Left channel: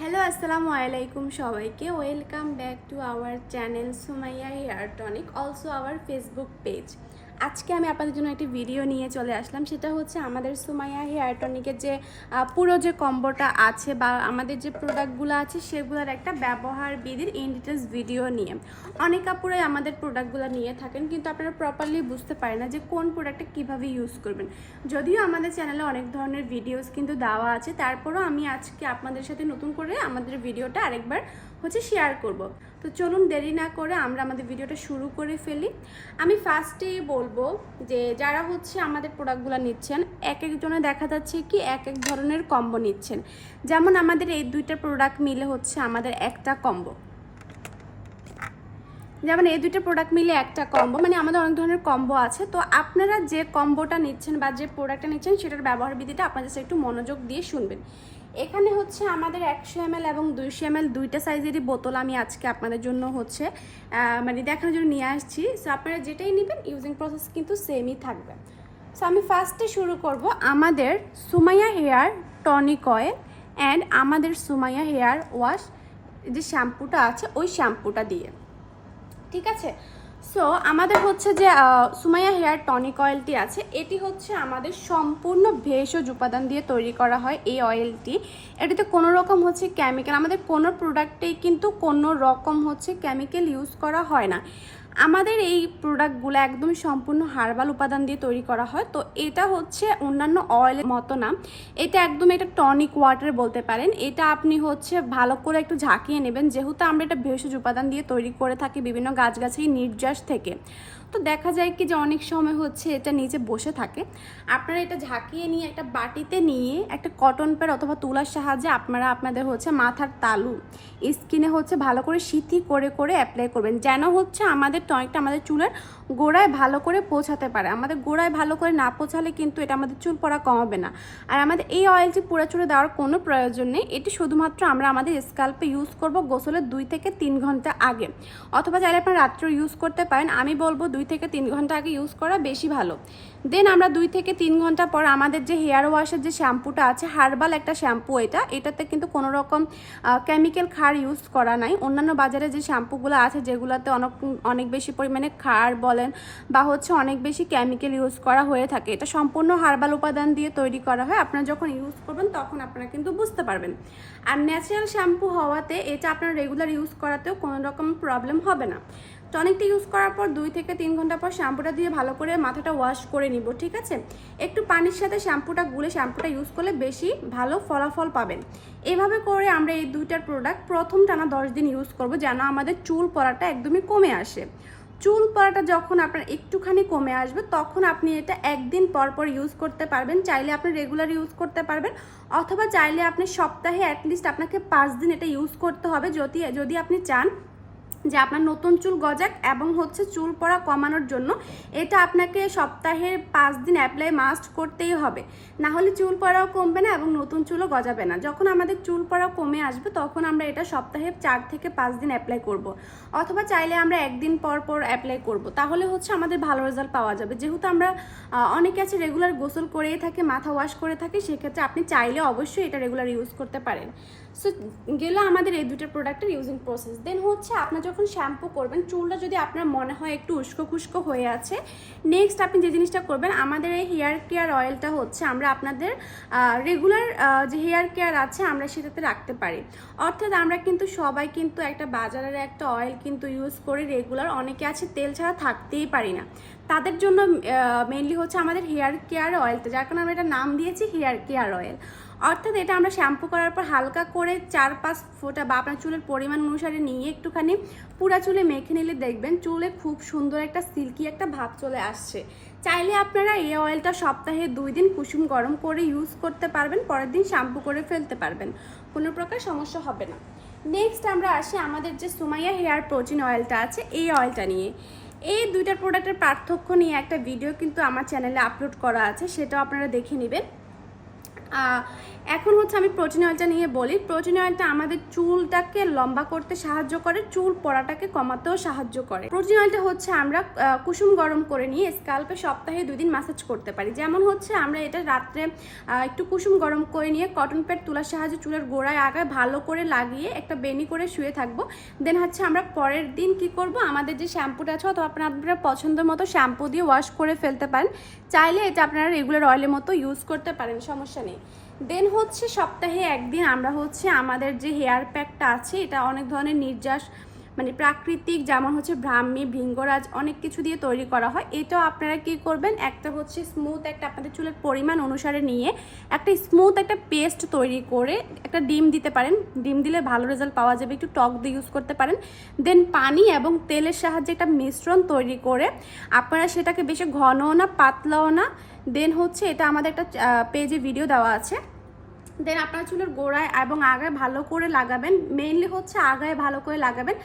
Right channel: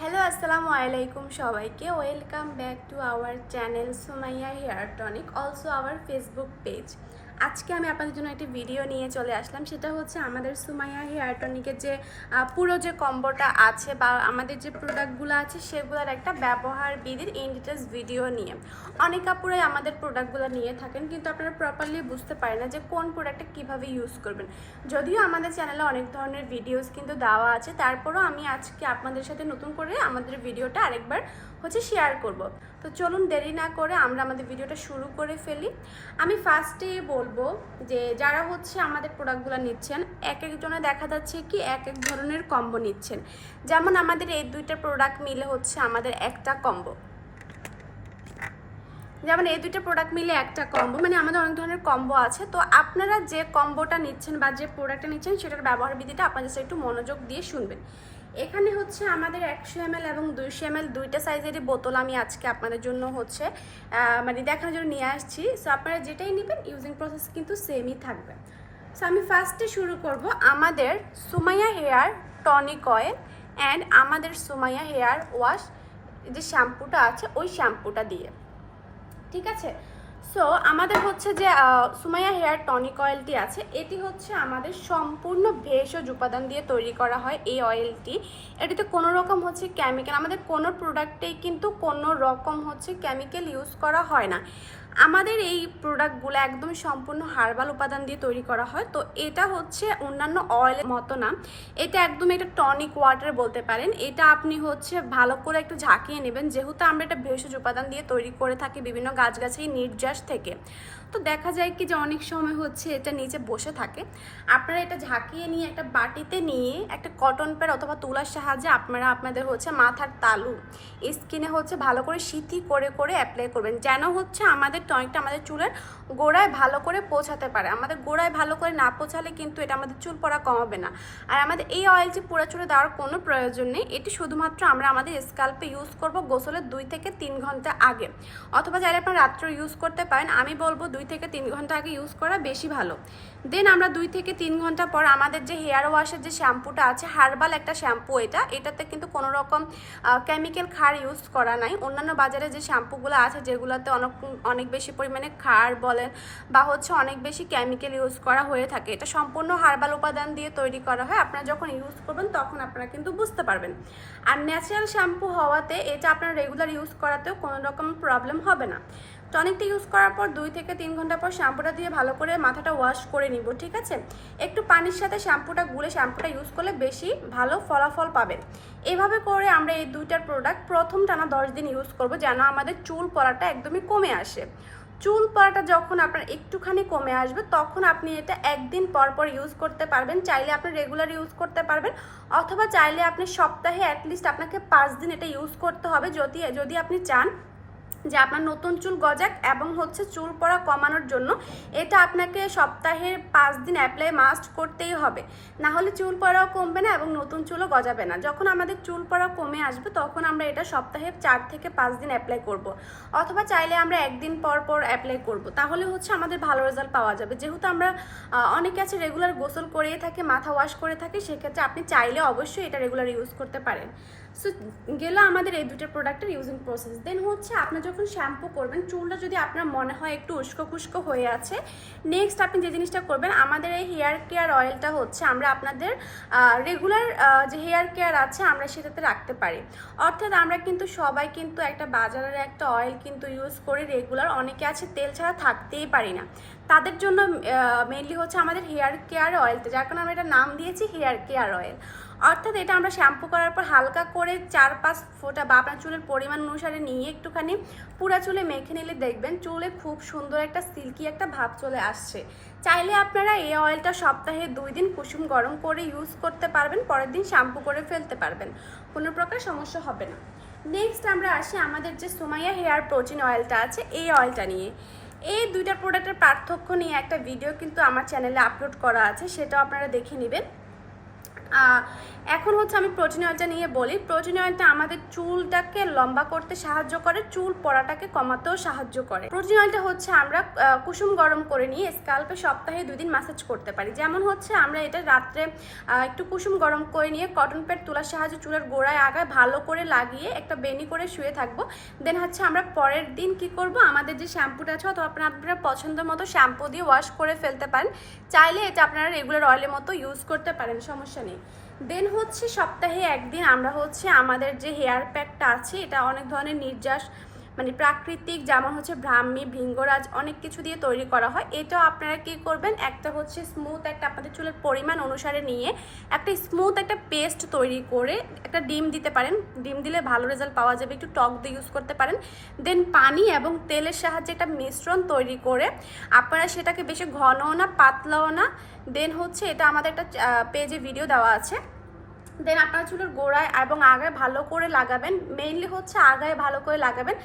Hello আসসালামু আলাইকুম সবাইকে। Welcome back to our channel Sonaiya hair tonic also our Facebook page আজকে আমি আপনাদের জন্য একটি ভিডিও নিয়ে চলে আসলাম। সেটা হচ্ছে আমাদের সুমাইয়া হেয়ার টনিকের যে পুরো যে কম্বোটা আছে বা আমাদের যে প্রোডাক্টগুলো আছে, সেগুলোর একটা ব্যবহার বিধির ইন ডিটেলস ভিডিও নিয়ে। অনেক কাপড়ে আমাদের প্রোডাক্টগুলো নিয়ে থাকেন, কিন্তু আপনারা প্রপারলি বুঝতে পারেন না যে কোন প্রোডাক্টটা কীভাবে ইউজ করবেন। যদিও আমাদের চ্যানেলে অনেক ধরনের ভিডিওস কিন্তু দেওয়া আছে, তারপরেও আমি আজকে আপনাদের সাথে নতুন করে আমাদের ভিডিওটা আরেকবার হচ্ছে শেয়ার করব। তো চলুন দেরি না করে আমরা আমাদের ভিডিওটা শুরু করে ফেলি। আমি ফার্স্টে বলব যে যারা হচ্ছে আমাদের প্রোডাক্টগুলো নিচ্ছেন, এক একজনে দেখা যাচ্ছে কি এক এক ধরনের কম্বো নিচ্ছেন। যেমন আমাদের এই দুইটা প্রোডাক্ট মিলে হচ্ছে আমাদের একটা কম্বো যেমন এই দুটো প্রোডাক্ট মিলে একটা কম্বো মানে আমাদের অনেক ধরনের কম্বো আছে। তো আপনারা যে কম্বোটা নিচ্ছেন বা যে প্রোডাক্টটা নিচ্ছেন, সেটার ব্যবহার বিধিটা আপনাদের সাথে একটু মনোযোগ দিয়ে শুনবেন। এখানে হচ্ছে আমাদের একশো এম এবং দুইশো এম দুইটা সাইজেরই বোতল আমি আজকে আপনাদের জন্য হচ্ছে মানে দেখানোর জন্য নিয়ে আসছি। সো আপনারা যেটাই নেবেন ইউজিং প্রসেস কিন্তু সেমই থাকবে। সো আমি ফার্স্টে শুরু করব আমাদের Sumaiya hair tonic oil and আমাদের সুমাইয়া হেয়ার ওয়াশ, যে শ্যাম্পুটা আছে, ওই শ্যাম্পুটা দিয়ে। ঠিক আছে? সো আমাদের হচ্ছে যে সুমাইয়া হেয়ার টনিক অয়েলটি আছে। এটি হচ্ছে আমাদের সম্পূর্ণ ভেষজ উপাদান দিয়ে তৈরি করা হয় এই অয়েলটি এটিতে কোনো রকম হচ্ছে কেমিক্যাল আমাদের কোনো প্রোডাক্টে কিন্তু কোনো রকম হচ্ছে কেমিক্যাল ইউজ করা হয় না। আমাদের এই প্রোডাক্টগুলো একদম সম্পূর্ণ হার্বাল উপাদান দিয়ে তৈরি করা হয়। তো এটা হচ্ছে অন্যান্য অয়েলের মতো না। এটা একদম এটা টনিক ওয়াটার বলতে পারেন। এটা আপনি হচ্ছে ভালো করে একটু ঝাঁকিয়ে নেবেন। যেহেতু আমরা এটা ভেষজ উপাদান দিয়ে তৈরি করে থাকি বিভিন্ন গাছগাছালি নির্যাস থেকে। তো দেখা যায় কি যে অনেক সময় হচ্ছে এটা নিচে বসে থাকে। আপনারা এটা ঝাঁকিয়ে নিয়ে একটা বাটিতে নিয়ে একটা কটন প্যাড অথবা তুলার সাহায্যে আপনারা আপনাদের হচ্ছে মাথার তালু স্কিনে হচ্ছে ভালো করে সিথি করে করে অ্যাপ্লাই করবেন। যেন হচ্ছে আমাদের টনিকটা আমাদের চুলের গোড়ায় ভালো করে পৌঁছাতে পারে। আমাদের গোড়ায় ভালো করে না পৌঁছালে কিন্তু এটা আমাদের চুল পড়া কমাবে না। আর আমাদের এই অয়েলটি পুরো চুলে দেওয়ার কোনো প্রয়োজন নেই, এটি শুধুমাত্র আমরা আমাদের স্কাল্পে ইউজ করব গোসলের দুই থেকে তিন ঘণ্টা আগে। অথবা চাইলে আপনারা রাত্রে ইউজ করতে পারেন, আমি বলব দুই থেকে তিন ঘণ্টা আগে ইউজ করা বেশি ভালো। দেন আমরা দুই থেকে তিন ঘণ্টা পর আমাদের যে হেয়ার ওয়াশের যে শ্যাম্পুটা আছে হার্বাল একটা শ্যাম্পু এটা, এটাতে কিন্তু কোনো রকম কেমিক্যাল খার ইউজ করা নাই। অন্যান্য বাজারে যে শ্যাম্পুগুলো আছে, যেগুলোতে অনেক অনেক বেশি পরিমাণে খার বলেন বা হচ্ছে অনেক বেশি কেমিক্যাল ইউজ করা হয়ে থাকে। এটা সম্পূর্ণ হার্বাল উপাদান দিয়ে তৈরি করা হয়। আপনারা যখন ইউজ করবেন তখন আপনারা কিন্তু বুঝতে পারবেন। আর ন্যাচারাল শ্যাম্পু হওয়াতে এটা আপনার রেগুলার ইউজ করাতেও কোনো রকম প্রবলেম হবে না। টনিকটা ইউজ করার পর দুই থেকে তিন ঘণ্টা পর শ্যাম্পুটা দিয়ে ভালো করে মাথাটা ওয়াশ করে নিব, ঠিক আছে? একটু পানির সাথে শ্যাম্পুটা গুলে শ্যাম্পুটা ইউজ করলে বেশি ভালো ফলাফল পাবেন। এইভাবে করে আমরা এই দুইটার প্রোডাক্ট প্রথম টানা দশ দিন ইউজ করব যেন আমাদের চুল পড়াটা একদমই কমে আসে। চুল পড়াটা যখন আপনার একটুখানি কমে আসবে, তখন আপনি এটা একদিন পর পর ইউজ করতে পারবেন। চাইলে আপনি রেগুলার ইউজ করতে পারবেন, অথবা চাইলে আপনি সপ্তাহে অ্যাটলিস্ট আপনাকে পাঁচ দিন এটা ইউজ করতে হবে। যদি যদি আপনি চান যে আপনার নতুন চুল গজাক এবং হচ্ছে চুল পড়া কমানোর জন্য এটা আপনাকে সপ্তাহে পাঁচ দিন অ্যাপ্লাই মাস্ট করতেই হবে। না হলে চুল পড়াও কমবে না এবং নতুন চুলও গজাবে না। যখন আমাদের চুল পড়া কমে আসবে, তখন আমরা এটা সপ্তাহে চার থেকে পাঁচ দিন অ্যাপ্লাই করব। অথবা চাইলে আমরা একদিন পর পর অ্যাপ্লাই করব। তাহলে হচ্ছে আমাদের ভালো রেজাল্ট পাওয়া যাবে। যেহেতু আমরা অনেকে আছে রেগুলার গোসল করেই থাকি, মাথা ওয়াশ করে থাকি, সেক্ষেত্রে আপনি চাইলে অবশ্যই এটা রেগুলার ইউজ করতে পারেন। সো গেল আমাদের এই দুটো প্রোডাক্টের ইউজিং প্রসেস দেন হচ্ছে আপনার যখন শ্যাম্পু করবেন, চুলটা যদি আপনার মনে হয় একটু উস্কো খুস্কো হয়ে আছে নেক্সট আপনি যে জিনিসটা করবেন, আমাদের এই হেয়ার কেয়ার অয়েলটা হচ্ছে আমরা আপনাদের রেগুলার যে হেয়ার কেয়ার আছে আমরা সেটাতে রাখতে পারি। অর্থাৎ আমরা কিন্তু সবাই কিন্তু একটা বাজারের একটা অয়েল কিন্তু ইউজ করে রেগুলার অনেকে আছে তেল ছাড়া থাকতেই পারি না। তাদের জন্য মেনলি হচ্ছে আমাদের হেয়ার কেয়ার অয়েলটা যার কারণে আমরা এটা নাম দিয়েছি হেয়ার কেয়ার অয়েল অর্থাৎ এটা আমরা শ্যাম্পু করার পর হালকা করে চার পাঁচ ফোঁটা বা আপনার চুলের পরিমাণ অনুসারে নিয়ে একটুখানি পুরা চুলে মেখে নিলে দেখবেন চুলে খুব সুন্দর একটা সিল্কি একটা ভাব চলে আসছে। চাইলে আপনারা এই অয়েলটা সপ্তাহে দুই দিন কুসুম গরম করে ইউজ করতে পারবেন, পরের দিন শ্যাম্পু করে ফেলতে পারবেন। কোনো প্রকার সমস্যা হবে না। নেক্সট আমরা আসি আমাদের যে সুমাইয়া হেয়ার প্রোটিন অয়েলটা আছে, এই অয়েলটা নিয়ে। এই দুইটা প্রোডাক্টের পার্থক্য নিয়ে একটা ভিডিও কিন্তু আমার চ্যানেলে আপলোড করা আছে, সেটাও আপনারা দেখে নেবেন। এখন হচ্ছে আমি প্রোটিন অয়েলটা নিয়ে বলি। প্রোটিন অয়েলটা আমাদের চুলটাকে লম্বা করতে সাহায্য করে, চুল পড়াটাকে কমাতেও সাহায্য করে। প্রোটিন অয়েলটা হচ্ছে আমরা কুসুম গরম করে নিয়ে স্কাল্পে সপ্তাহে দুই দিন ম্যাসাজ করতে পারি। যেমন হচ্ছে আমরা এটা রাত্রে একটু কুসুম গরম করে নিয়ে কটন প্যাড তোলার সাহায্যে চুলের গোড়ায় আগায় ভালো করে লাগিয়ে একটা বেনি করে শুয়ে থাকব। দেন হচ্ছে আমরা পরের দিন কি করব? আমাদের যে শ্যাম্পুটা আছে তো আপনারা পছন্দ মতো শ্যাম্পু দিয়ে ওয়াশ করে ফেলতে পারেন। চাইলে এটা আপনারা রেগুলার অয়েলের মতো ইউজ করতে পারেন, সমস্যা নেই। দেন হচ্ছে সপ্তাহে একদিন আমরা হচ্ছে আমাদের যে হেয়ার প্যাকটা আছে, এটা অনেক ধরনের নির্যাস মানে প্রাকৃতিক যেমন হচ্ছে ব্রাহ্মী, ভৃঙ্গরাজ অনেক কিছু দিয়ে তৈরি করা হয়। এটাও আপনারা কি করবেন? একটা হচ্ছে স্মুথ একটা আপনাদের চুলের পরিমাণ অনুসারে নিয়ে একটা স্মুথ একটা পেস্ট তৈরি করে একটা ডিম দিতে পারেন। ডিম দিলে ভালো রেজাল্ট পাওয়া যাবে। একটু টক দিয়ে ইউজ করতে পারেন। দেন পানি এবং তেলের সাহায্যে একটা মিশ্রণ তৈরি করে আপনারা সেটাকে বেশি ঘনও না, পাতলাও না। দেন হচ্ছে এটা আমাদের একটা পেজে ভিডিও দেওয়া আছে। দেন আপনার চুলের গোড়ায় এবং আগায় ভালো করে লাগাবেন। মেইনলি হচ্ছে আগায় ভালো করে লাগাবেন।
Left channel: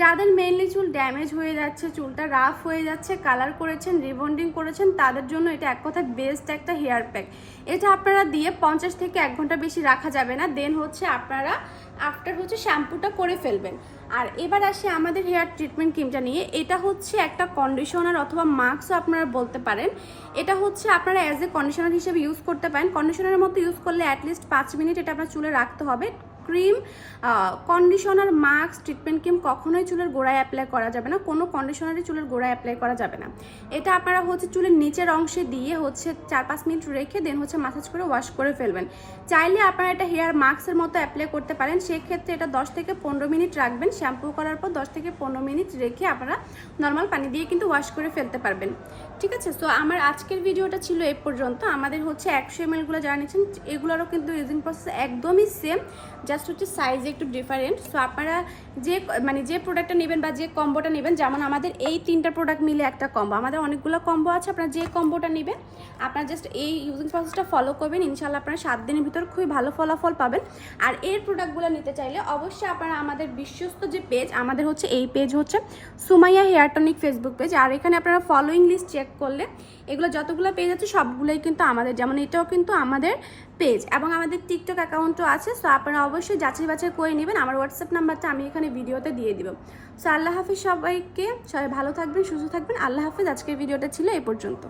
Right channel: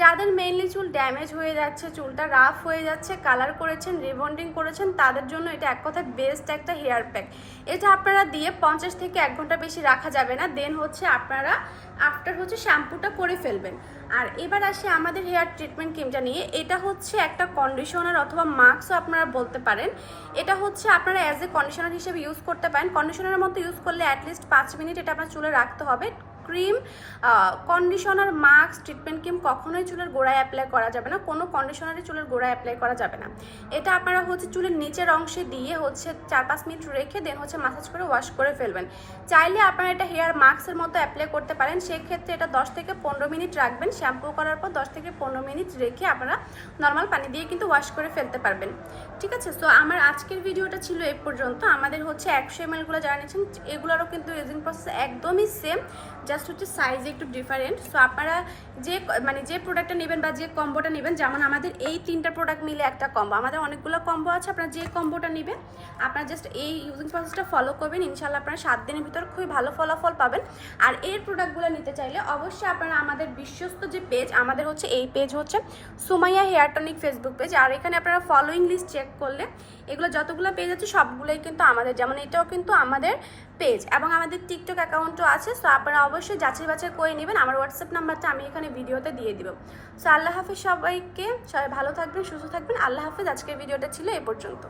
যাদের মেইনলি চুল ড্যামেজ হয়ে যাচ্ছে, চুলটা রাফ হয়ে যাচ্ছে কালার করেছেন রিবন্ডিং করেছেন, তাদের জন্য এটা এক কথায় বেস্ট একটা হেয়ার প্যাক এটা আপনারা দিয়ে পঞ্চাশ থেকে এক ঘণ্টা বেশি রাখা যাবে না। দেন হচ্ছে আপনারা আফটার হচ্ছে শ্যাম্পুটা করে ফেলবেন। আর এবার আসে আমাদের হেয়ার ট্রিটমেন্ট ক্রিমটা নিয়ে। এটা হচ্ছে একটা কন্ডিশনার অথবা মাস্কও আপনারা বলতে পারেন। এটা হচ্ছে আপনারা অ্যাজ এ কন্ডিশনার হিসেবে ইউজ করতে পারেন। কন্ডিশনারের মধ্যে ইউজ করলে অ্যাটলিস্ট পাঁচ মিনিট এটা আপনার চুলে রাখতে হবে। Cream conditioner mask treatment cream কখনোই চুলের গোড়ায় অ্যাপ্লাই করা যাবে না। কোনো কন্ডিশনারে চুলের গোড়ায় অ্যাপ্লাই করা যাবে না। এটা আপনারা হচ্ছে চুলের নিচের অংশে দিয়ে হচ্ছে চার পাঁচ মিনিট রেখে দেন হচ্ছে মাসাজ করে ওয়াশ করে ফেলবেন। চাইলে আপনারা এটা হেয়ার মাস্কের মতো অ্যাপ্লাই করতে পারেন। সেক্ষেত্রে এটা দশ থেকে পনেরো মিনিট রাখবেন। শ্যাম্পু করার পর দশ থেকে পনেরো মিনিট রেখে আপনারা নর্মাল পানি দিয়ে কিন্তু ওয়াশ করে ফেলতে পারবেন। ঠিক আছে? সো আমার আজকের ভিডিওটা ছিল এই পর্যন্ত। আমাদের হচ্ছে একশো এম এলগুলো যারা নিচ্ছেন এগুলোরও কিন্তু রিজিং প্রসেস একদমই সেম জাস্ট হচ্ছে সাইজ একটু ডিফারেন্ট সো আপনারা যে মানে যে প্রোডাক্টটা নেবেন বা যে কম্বোটা নেবেন, যেমন আমাদের এই তিনটা প্রোডাক্ট মিলে একটা কম্বো আমাদের অনেকগুলো কম্বো আছে, আপনারা যে কম্বোটা নেবেন, আপনারা জাস্ট এই ইউজিং প্রসেসটা ফলো করবেন ইনশাল্লাহ আপনারা সাত দিনের ভিতর খুবই ভালো ফলাফল পাবেন। আর এই প্রোডাক্টগুলো নিতে চাইলে অবশ্যই আপনারা আমাদের বিশ্বস্ত যে পেজ আমাদের হচ্ছে এই পেজ হচ্ছে Sumaiya hair tonic Facebook page আর এখানে আপনারা ফলোয়িং লিস্ট চেক করলে এগুলো যতগুলো পেজ আছে সবগুলোই কিন্তু আমাদের, যেমন এটাও কিন্তু আমাদের পেজ এবং আমাদের টিকটক অ্যাকাউন্টও আছে সো আপনারা অবশ্যই যাচাই বাছাই করে নেবেন। আমার হোয়াটসঅ্যাপ নাম্বারটা আমি এখানে ভিডিওতে দিয়ে দিব। সো আল্লাহ হাফিজ সবাইকে সবাই ভালো থাকবেন, সুস্থ থাকবেন। আল্লাহ হাফিজ, আজকের ভিডিওটা ছিল এ পর্যন্ত।